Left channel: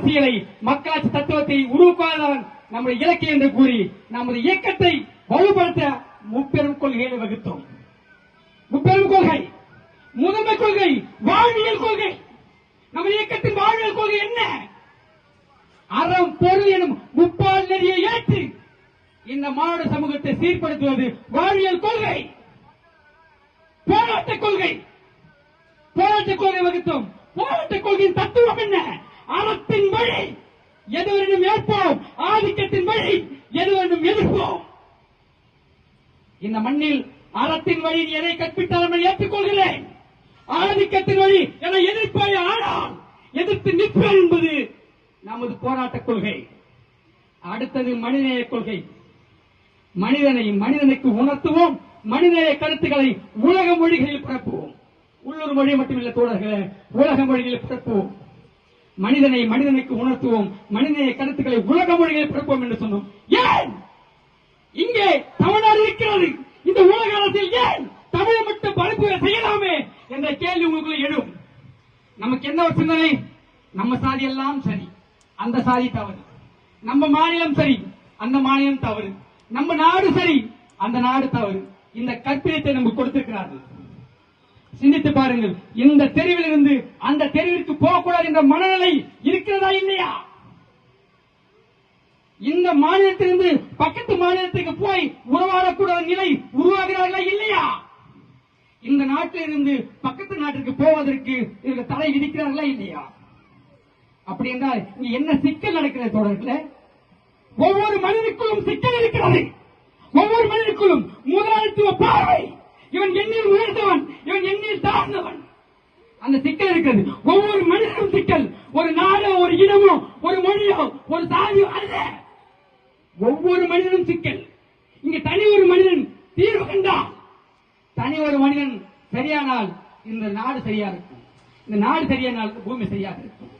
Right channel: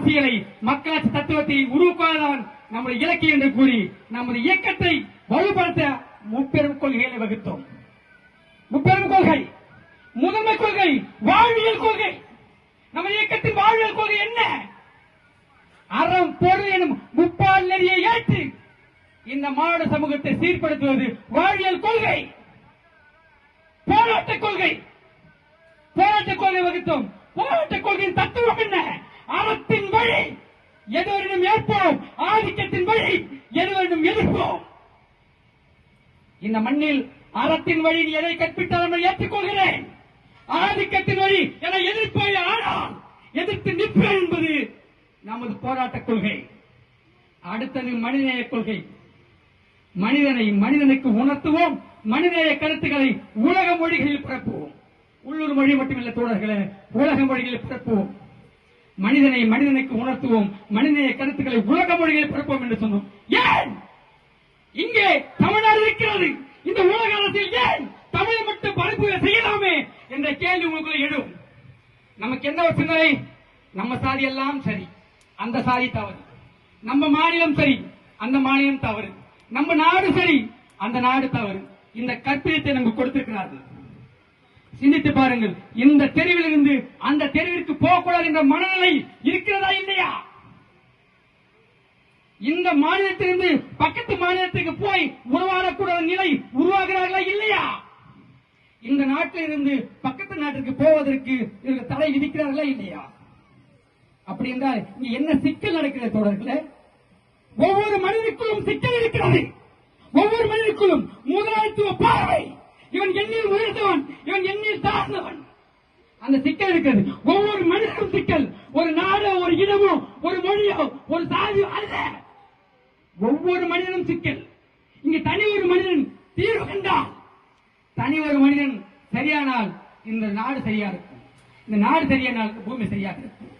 அரசியலை மக்களாட்சி தத்துவத்தை உருவாக்குவதுதான் நம்முடைய இலக்கு என்று கூறி நமது இயக்கத்தை வலுப்படுத்த முப்பெரும் கொள்கைகளை வகுத்தோம். முப்பெரும் கொள்கை முதன்மை கொள்கை வாழ்வியல் கொள்கை. நம்ம இயக்கத்தின் வாழ்வியல் கொள்கை என்ன? அறம் பொருள் எனும் முப்பால் நெறியை ஏற்று இந்த மாடு சமூகத்தை சீர்படுத்துவது வாழ்வியல் கொள்கை. போராட்ட கொள்கை. போராட்ட கொள்கை வகுத்தோம். போராட்ட கொள்கையின் தத்துவம் என்ன? அறத்தின் வழி. எதுவரிடம் ஏற்போம். ஆதிக்கத்தின் வழி. எதுவரிடம் எதிர்ப்போம். இந்த மண்ணில் அறத்தின் வழி எதை கற்பித்தாலும் ஏற்றுக்கொள்கிறேன். ஆதிக்கத்தின் வழி என எதிர்ப்பாய் ஆனால் எதிர்த்து நிற்பேன் என்பது நமது போராட்ட கொள்கை. அடுத்தது மனிதநேய கொள்கை. மனிதனை மனிதனுக்கு உணர்த்துவோம். மனிதநேய கருத்துக்களை உலக மொழிகளில் பரப்புவோம். உள்ளூர் மொழி மட்டுமில்லை தோழர்களே உலக மொழிகளில் பரப்புவோம். மனிதனை மனிதனுக்கு உணர்த்துவோம். மனிதநேய கருத்துக்களை உலக மொழிகளில் பரப்புவோம் என்று சொன்னோம். ஏன்? இங்கே தமிழ்நாடு இருக்கிறது. இந்த உலக அரசியல் ஏன் தமிழை மட்டும் பரப்பு செய்யலாமே என்ற கேள்வி உங்களுக்குள்ள எழும். நமக்கு என்ன சிந்தனை நம்ம சாதி எல்லாம் சரி. அந்த சாதி தவறு. நம்ம மாநிலம் சரி. அந்த மாநிலம் தவறு. நம்ம நாடு சரி. அந்த நாடு தவறு. இந்த கற்பிதத்தை நமக்கு கொடுத்திருக்கிறார்கள். சிந்தித்து பாருங்கள். இந்த தெருவில் இருந்து அந்த தெருவிற்கு போகக்கூடாது என்ற மனநிலை இருக்கிறதா இல்லையா? இந்த மாநிலத்திலிருந்து பக்கத்து மாநிலத்துக்கு போய் உறவாடக்கூடாத நிலை உருவாகிறார்களா இல்லையா? இந்த நாட்டிலிருந்து பக்கத்து நாட்டிற்கு போவதற்கு இவர்கள் தடை விதிக்கிறார்களா இல்லையா? அப்படி என்றால் இங்க என்ன சிக்கல் நடக்கிறது தொடர்பில் ஒவ்வொரு மனிதனுக்குள்ளும் சிக்கல் இருக்கிறது. ஒவ்வொரு மனிதனுக்குள்ளும் முதலாளித்துவ பார்வை. இவன் எண்ணில் உயர்ந்தவன் இவன் எண்ணில் தாழ்ந்தவன். அந்த சிக்கல் இருக்கிறது. ஒவ்வொரு மனிதனும் சிக்கல். ஒரு நாடோ ஒரு இனமோ ஒரு மொழியோ ஒரு சாதியோ அல்ல. ஒவ்வொரு மனிதனும் சிக்கல். இங்க தனி ஒரு மனிதன் தீர்வு கண்டான். தனி ஒரு மனிதன் சரியானால் இந்த நாடு சரியா இருக்கும். இந்த நாடு சரியானால் பூமி சரியாக இருக்கும்.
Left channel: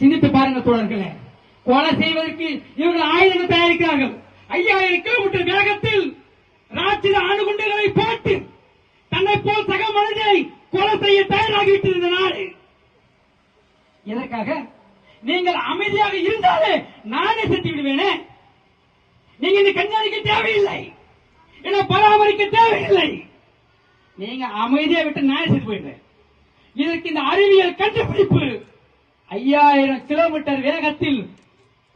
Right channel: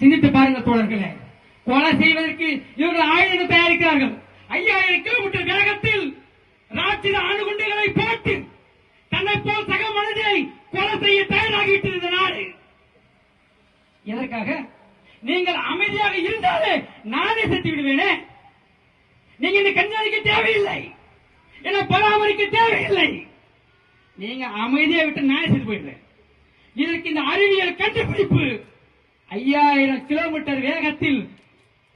சிந்தித்து பாருங்க தோழர்களே. கொலை செய்வதற்கு இவர்கள் ஆயுதங்கள் தயாரிக்கிறார்கள். ஐயாயிரம் கிலோமீட்டர் வேகத்தில் ராட்சித அணுகுண்டுகளை போட்டு தன்னை போல் சக மனிதனை கொலை செய்ய தயாராகிவிட்டது இந்த நாடு. எதற்காக? நீங்கள் அமைதியாக இருந்தாலே நானே செத்து விடுவேனே. நீங்க இந்த கண்காணிக்க தேவையில்லை. என்ன பராமரிக்க தேவையில்லை. நீங்க அமைதியா விட்டு நானே செத்து போயிடுறேன் இதற்கு இந்த அறிவியல் கண்டுபிடிப்பு ஐயாயிரம் கிலோமீட்டர் வேகத்தில்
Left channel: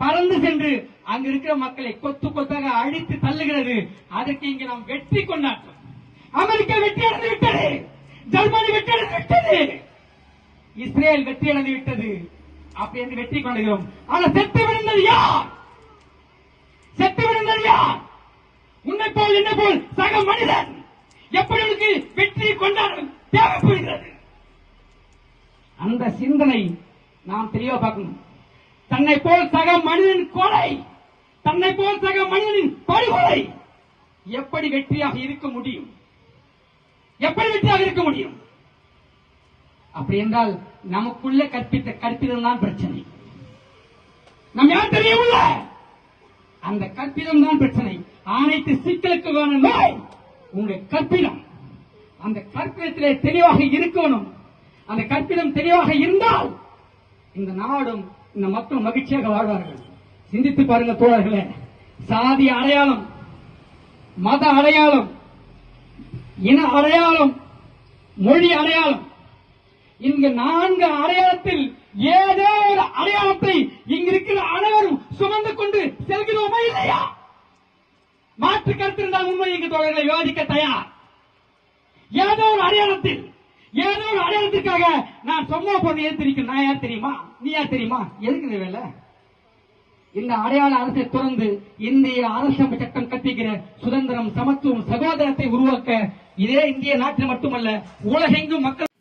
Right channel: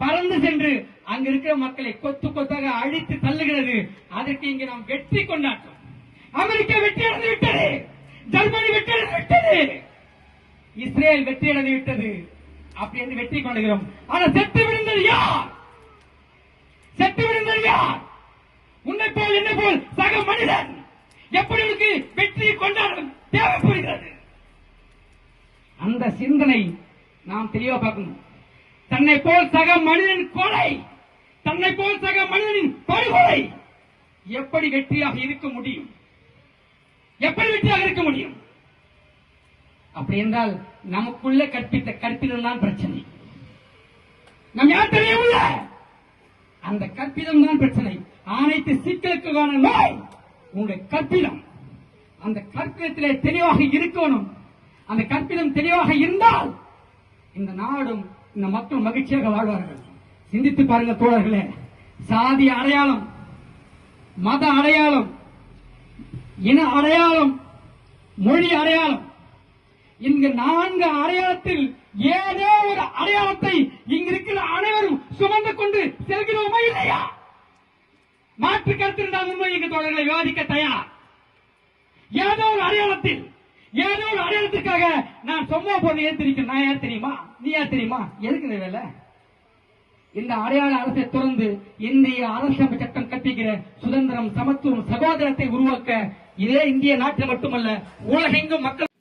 பறந்து சென்று அங்க இருக்கிற மக்களை கொத்து கொத்தாக அழித்து தள்ளுகிறது. அதற்கு இங்கு நாம் வெற்றி கொண்டாட்டோம். அமெரிக்கா வெற்றி அடைந்து விட்டது. ஜெர்மனி வெற்றி அடைந்து விட்டது. இஸ்ரேல் வெற்றி அடைந்து விட்டது. அப்படி என்று வெற்றி கொள்கிறோம் ஆனால் செத்து விழுந்தது யார்? செத்து விழுந்தது யார்? உன்னை போல் என்ன போல் சக மனிதன் எப்படி உனக்கு வெற்றி தேவை தேவைப்படுகிறது? அந்த சிந்தனை நாம் தெளிவா பார்க்கணும். தன்னை போல் சக மனிதன் கொலை தன்னை போல் சக மனிதனின் படுகொலை எப்படி வெற்றியாக இருக்க முடியும்? எப்படி வெற்றியாக இருக்க முடியும்? அப்படி என்றால் நமக்குள்ள கற்பித்த கற்பிதம் தான் பிரச்சனை. நம் யார் தெரியவில்லை அந்த கற்பிதம் தான் பிரச்சனை. அனைத்து சிக்கலுக்கான நோய் உங்களுடைய கற்பிதம். அந்த கற்பிதத்திலே தெளிவாக இருக்கணும். அந்த கற்பிதம் தெளிவாக இருந்தால் இந்த நாடும் இந்த மக்கள் மகிழ்ச்சியாக வாழ்வார்கள். சிந்தித்து பாருங்க தோழர்களே சாதி அடையாளம் மத அடையாளம் இன அடையாளம் மொழி அடையாளம். இங்கு நான்கு அடையாளத்தில் ஏதோ ஒரு அடையாளத்தை இங்கு இருக்கிற அனைவரும் சுமந்து கொண்டு செல்கிறோமா இல்லையா? மாற்று கருத்து இருந்தால் உண்மை இங்கு தோழர்களை விவாதிக்க தயார். ஏதோ ஒரு அடையாளத்தில் ஏதோ ஒரு அடையாளத்துக்காக நான் சும்மா போன ஏத்திருக்கேன் நான் யார் தெரியுமா? நீ யார் தெரியுமா? எதுக்கு இந்த வேலை? இந்த அடையாள அரசை தொடர்ந்து இந்திய அரசமைப்பு சட்டம் கட்டிக்கிற சுதந்திரம் சமத்துவம் சகோதரத்தை உருவாக்க இதே இந்திய நாட்டில் மட்டுமல்ல உலகெங்கும் மக்கள்